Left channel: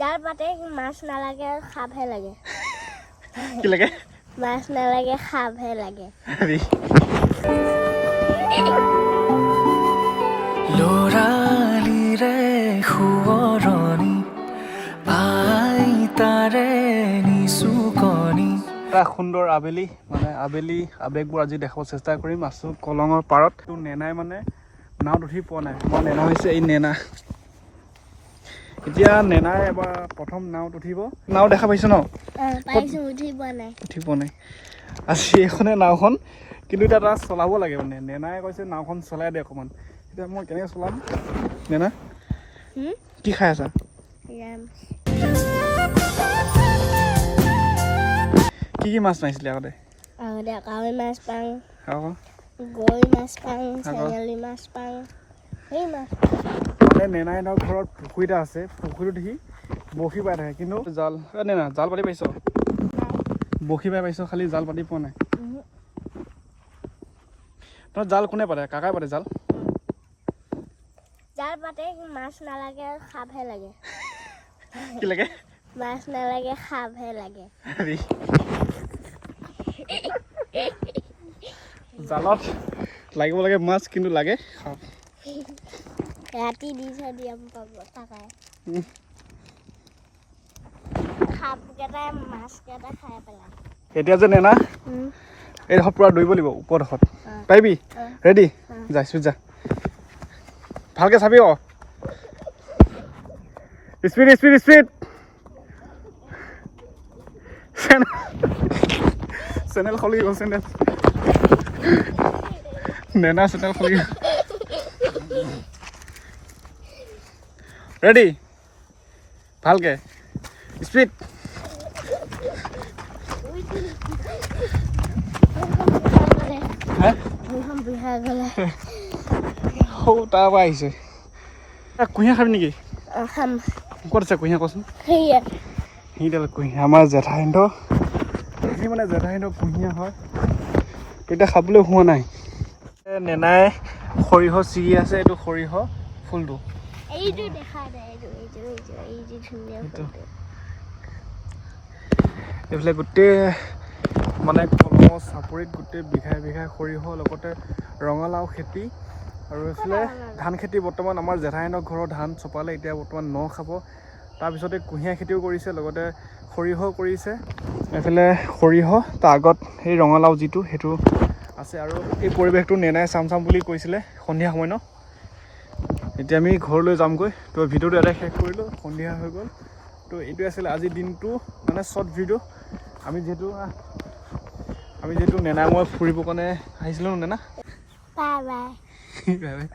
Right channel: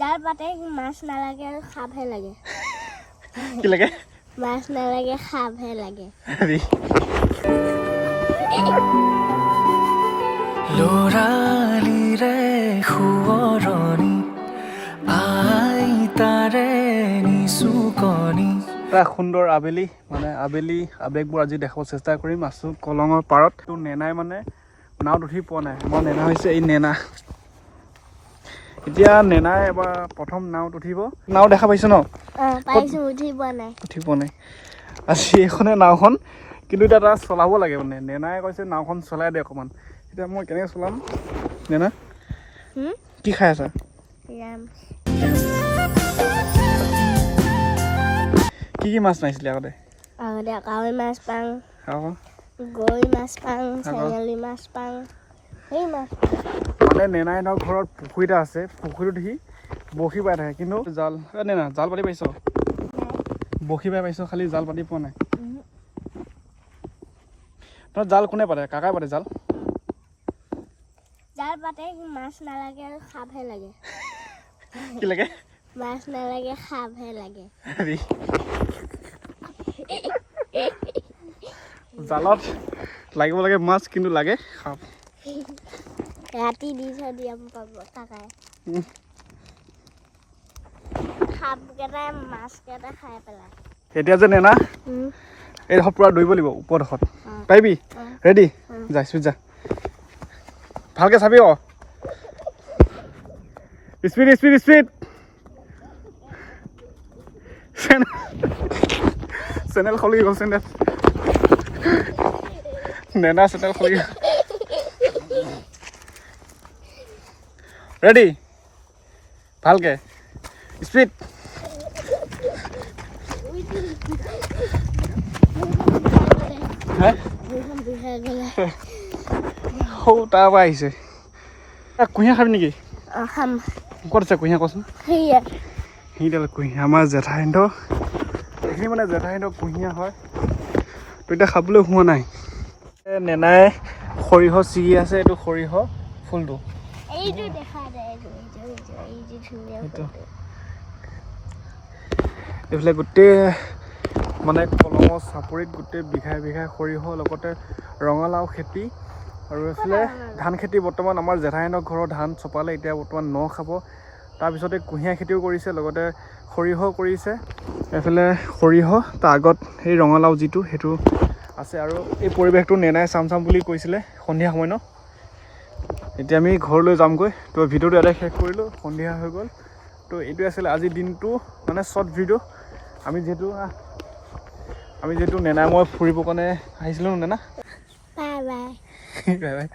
জাল পাতে মাছ নালাগে খাপহে লাগে কি লাগে মাছ নালাগে খাপহে লাগে লৰালি ৰে শুৱৰণি আই তাৰে নিচুকনি এটা সুন্দৰ আবেলি মানে আবেলি আবেগবোৰ আজি দেখাব চেষ্টা কৰিম আছো কলঙৰ পাৰত তো নেনাই মানে নাওত উঠি পোৱা নাই মই নেনা হৈছে এই নেনা এতিয়া নেনাই এবাৰ প্ৰথম নাওত উঠিব নাও দেখা পাইছ ন পাইছো উঠি পোৱা নাই আজি এইখনে নাওখন কিন্তু এতিয়া তাত চলাব লাগে মানে নেনাই কৈছে নাওখন চলাই দে অকণমান এতিয়া মই কেনেকৈ চলাম নেনা কি খাই আছা কি কি মাছ মাৰিছিলি আগতে কাৱৈ মাছ পাং গৈ মাছ পাং চেঙেলী মাছ পাং সেই মাছ মানে নেনাইনৰ ঘৰত পুখুৰী এটা আছে পুখুৰীত সি বৰশী বাই থাকে কিন্তু জাল নেনা জাল পাতি পাইছ বৰশী বাই পাইছ খালি জাল পাতি পোৱা নাই তই জাল কোনে পাতে কাকাই পাতে জাল জাল পাতে মাছ নালাগে খাপহে লাগে কি লাগে মাছ নালাগে খাপহে লাগে জালত লাগিব লাগে মাছ কিন্তু লাগে খাপ ৰাতি দি থৈ দিয়া পাব কাকাই খাপকেইটা মাছকেইটা খাই পেলায় এতিয়া যে নেনা এইডোখৰ পূৰা দৌৰিব লাগিব ওপৰডোখৰত পাৰিবি ৰেডি যা স্পীড যা ভালকৈ চাবি আকৌ স্পীড স্পীড স্পীড চেনেল খুলি গ'ল চেনেল নেনা চেনেল খুলি ৰেডি ভালকৈ স্পীড সৌ তাৰ পৰা আহিছে কুঁহিয়া খাবি নেকি ক'ত আছে কুঁহিয়া কচোন সেইডাল কুঁহিয়া আমাৰ জেঠাইহঁতৰ এইখিনি মানে জেঠাইহঁতৰ কুঁহিয়া হয় তো এতিয়া খাবলৈ হোৱা নাই নেনাই সৰিয়হ ছিগি আছে এইটো সৰিয়হ ফুলটো এইফালে গোটেই মানে কলমৰ চাপৰিত গোটেই বিঘাই বিঘাই সৰিয়হ লগতে ৰঙালাও খেতি আৰু এইফালে ধান খেতি বৰ্তমান আমাৰ জেঠাইহঁতৰ ঘৰৰ ধান চপালে এতিয়া বৰ্তমান ন খাব তাৰপিছতে কুঁহিয়াৰ খেতিও কৰিছে লগতে সৰিয়হ কৰিছে এইফালে সৰিয়হ তাৰ আগত সেই ৰঙালাও যিটো সেইটো আছে আৰু এই পৰিৱেশটো নেনাই চাম বুলি কৈছিলে সন্ধিয়া সময় ন এতিয়া আমি ঘৰলৈ যামগৈ তো ভিডিঅ'টো ইয়াতে শেষ কৰিলোঁ সন্ধিয়া হৈ গ'ল তো এইটোৱে আছিলে আজিৰ দিনটো মানে শ্বৰ্ট ভিডিঅ' আমি যিহেতু নেনাই মই ফুৰিবৰ কাৰণে আহিছিলোঁ Naina bye bye bye bye